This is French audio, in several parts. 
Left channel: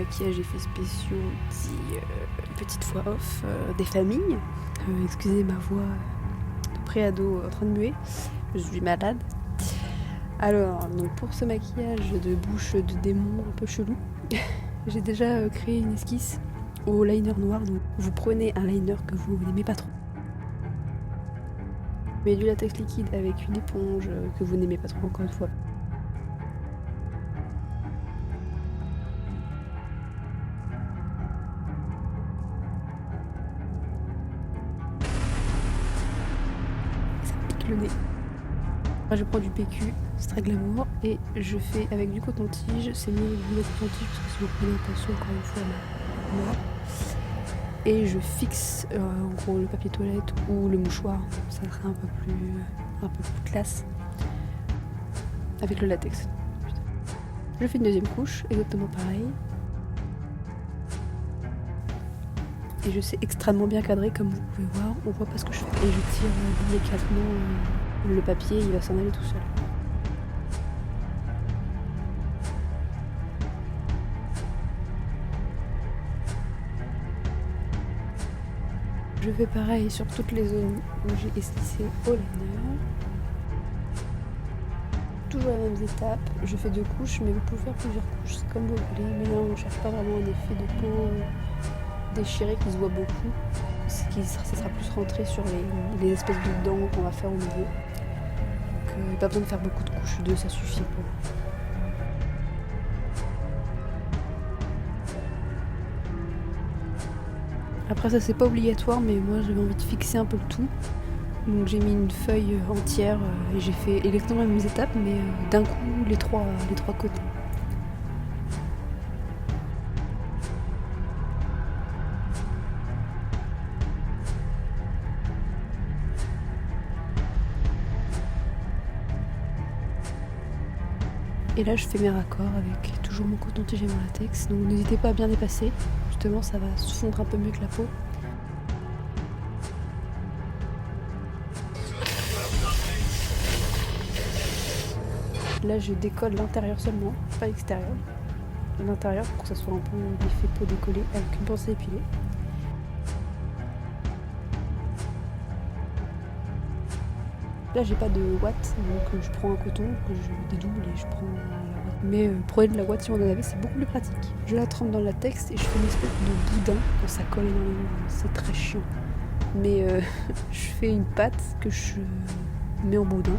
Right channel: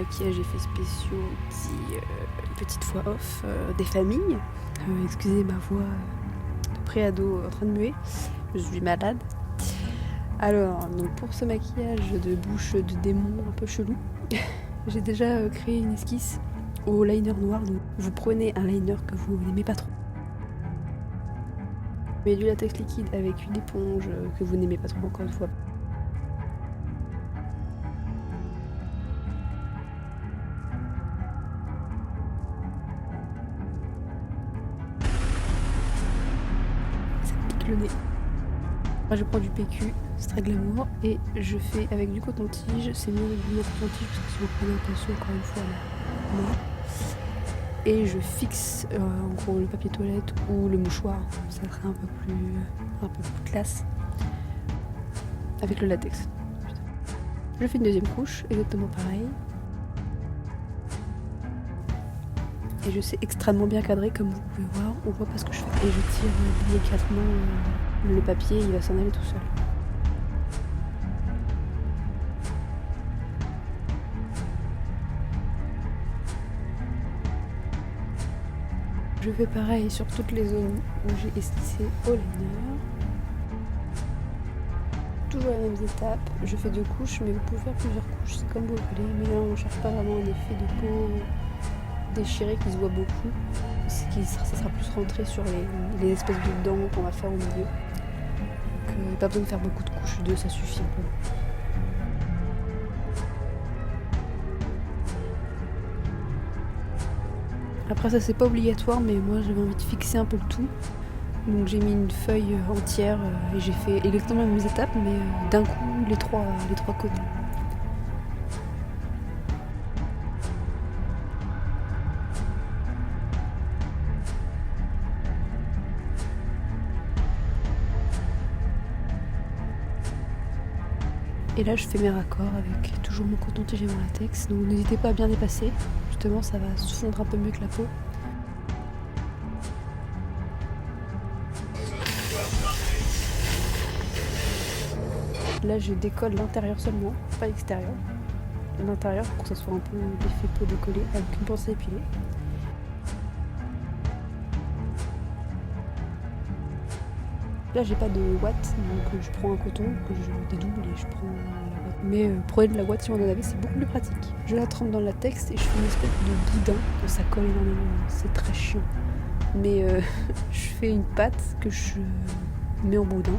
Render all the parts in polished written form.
Maquillage, effets spéciaux, petite voix off des familles. Excusez ma voix de préado en train de muer, je suis malade. Alors, donc pour ce maquillage de bouche de démon un peu chelou, j'ai déjà créé une esquisse au liner noir. Donc vous prenez un liner que vous n'aimez pas trop. Mais du latex liquide avec une éponge que vous n'aimez pas trop, encore une fois. Ça pique le nez. Moi je prends du PQ, c'est très glamour, et je fais avec du coton-tige. C'est mieux du coton-tige parce que si vous prenez un pinceau, encore une fois, noir. Et je fixe en gros le papier toilette ou le mouchoir, ça serait un peu plus classe avec le latex. Je fais une deuxième couche, exactement pareil. Et je sais extrêmement bien cadrer, comme vous pouvez voir, on voit pas ce que je fais. Et je tire délicatement le papier, il va s'en aller tout seul. Je fais pareil sur toutes les zones où j'ai esquissé au liner. Toujours les mêmes étapes, je fais 2 couches, mais vous pouvez faire plusieurs couches, c'est comme vous voulez. Mais là on cherche pas vraiment un effet de peau déchiré qui se voit beaucoup. Ça sera plus rentré sur les espèces de dents qu'on va faire au milieu. Donc pas besoin de faire beaucoup de couches, 2 ça suffit un peu. Après ça c'est pas obligatoire, mais moi j'avais envie de fixer un peu le tout. Donc j'ai mis une feuille entière et j'ai fait exactement les mêmes étapes, mais d'un coup les trois côtés. Et là je fais mes raccords avec toujours mon coton-tige et mon latex, donc n'hésitez pas à bien dépasser, justement ça va se fondre un peu mieux que la peau. Là je décolle l'intérieur seulement, pas l'extérieur. L'intérieur pour que ça soit un peu l'effet peau décollée avec une pince épilée. Là j'ai pas de ouate, donc je prends un coton que je dédouble et je prends la ouate. Mais prenez de la ouate si vous en avez, c'est beaucoup plus pratique. Je la trempe dans le latex et je fais une espèce de boudin. Ça colle énormément, c'est très chiant. Mais je fais une pâte que je mets en boudin.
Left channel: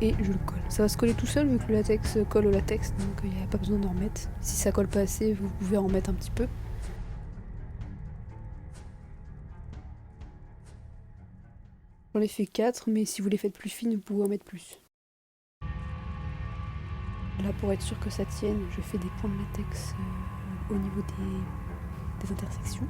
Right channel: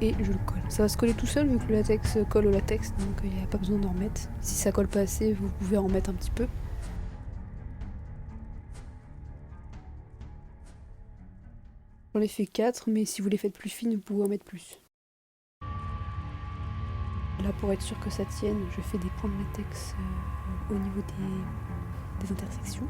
Et je le colle. Ça va se coller tout seul vu que le latex colle au latex, donc il n'y a pas besoin d'en remettre. Si ça colle pas assez, vous pouvez en remettre un petit peu. J'en ai fait 4, mais si vous les faites plus fines, vous pouvez en mettre plus. Là, pour être sûr que ça tienne, je fais des points de latex au niveau des intersections.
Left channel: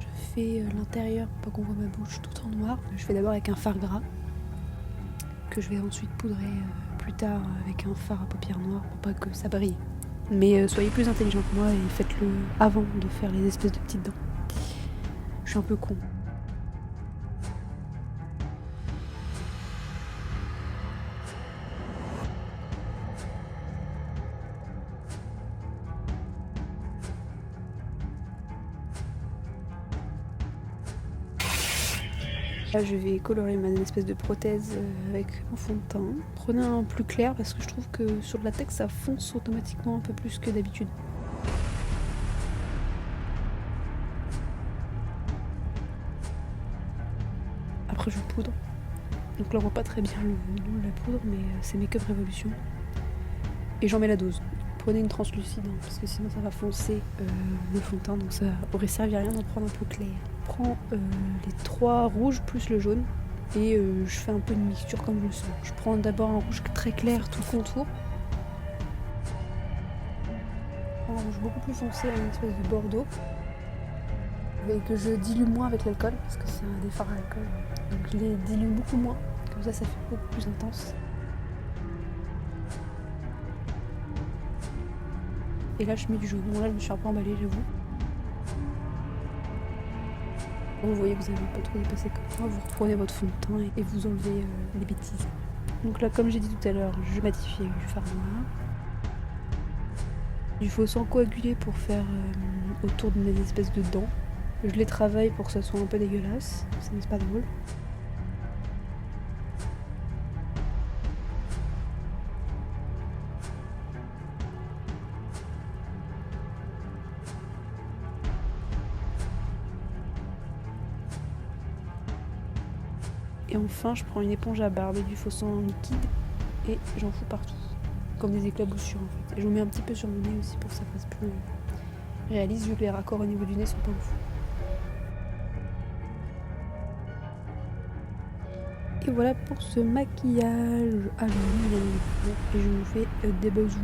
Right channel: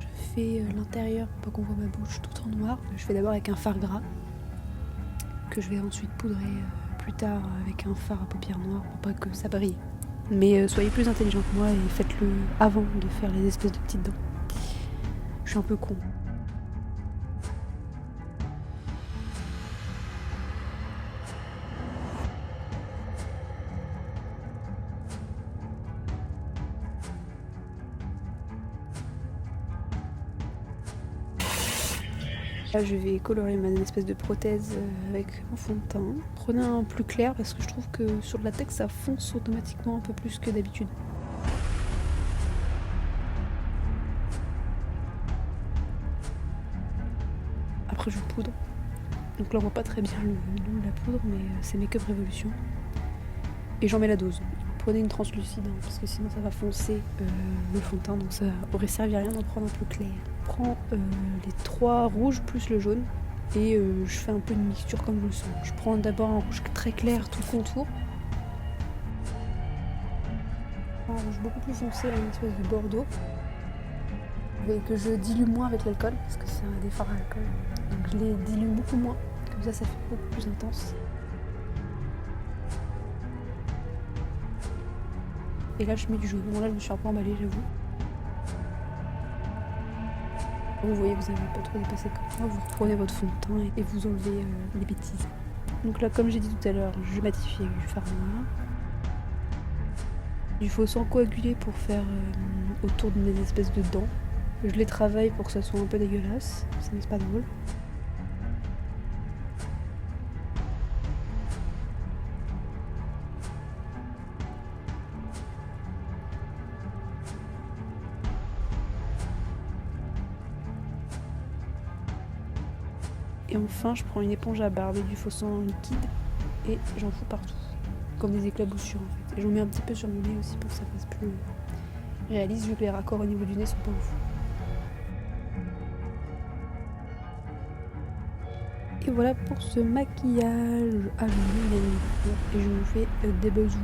Je fais l'intérieur pour pas qu'on voit ma bouche tout en noir. Je fais d'abord avec un fard gras que je vais ensuite poudrer plus tard avec un fard à paupières noires pour pas que ça brille. Mais soyez plus intelligent que moi et faites-le avant de faire les espèces de petites dents. Je suis un peu con. Là je vais colorer ma espèce de prothèse avec mon fond de teint. Prenez un plus clair parce que je trouve que sur le latex ça fonce automatiquement un peu plus que d'habitude. Après je poudre. Donc là on voit pas très bien le nom de la poudre, mais c'est Make Up Revolution. Et j'en mets la dose. Prenez une translucide hein, parce que sinon ça va foncer le fond de teint, donc ça aurait servi à rien d'en prendre un peu clair. Je prends les 3 rouges plus le jaune et je fais un peu une mixture comme je le sens. Je prends d'abord un rouge très clair tout le contour. Un rouge beaucoup plus foncé, une espèce de bordeaux. Et que je dilue moins avec l'alcool, parce que c'est un des fards à alcool. Donc je les dilue beaucoup moins, comme ça fait beaucoup plus intense. Et là je mets du jaune. Bon là je me suis un peu emballée, j'avoue. Vous voyez que vous n'avez pas trop dépassé comme moi, vous reprenez votre fond de teint et vous enlevez les bêtises. Donc là comme j'ai dit tout à l'heure, je matifie avec du fard noir. Du faux sang coagulé pour faire autour de mes espèces de dents. Je les travaille pour que ça soit un peu dégueulasse, ça n'est pas drôle. Et enfin, je prends une éponge à barbe et du faux sang liquide et j'en fous partout. Comme des éclaboussures en fait. Et j'en mets un petit peu sur mon nez aussi pour que ça fasse plus réaliste vu que les raccords au niveau du nez sont pas ouf. Et voilà pour ce maquillage Halloween bien évidemment. Et je vous fais des bisous.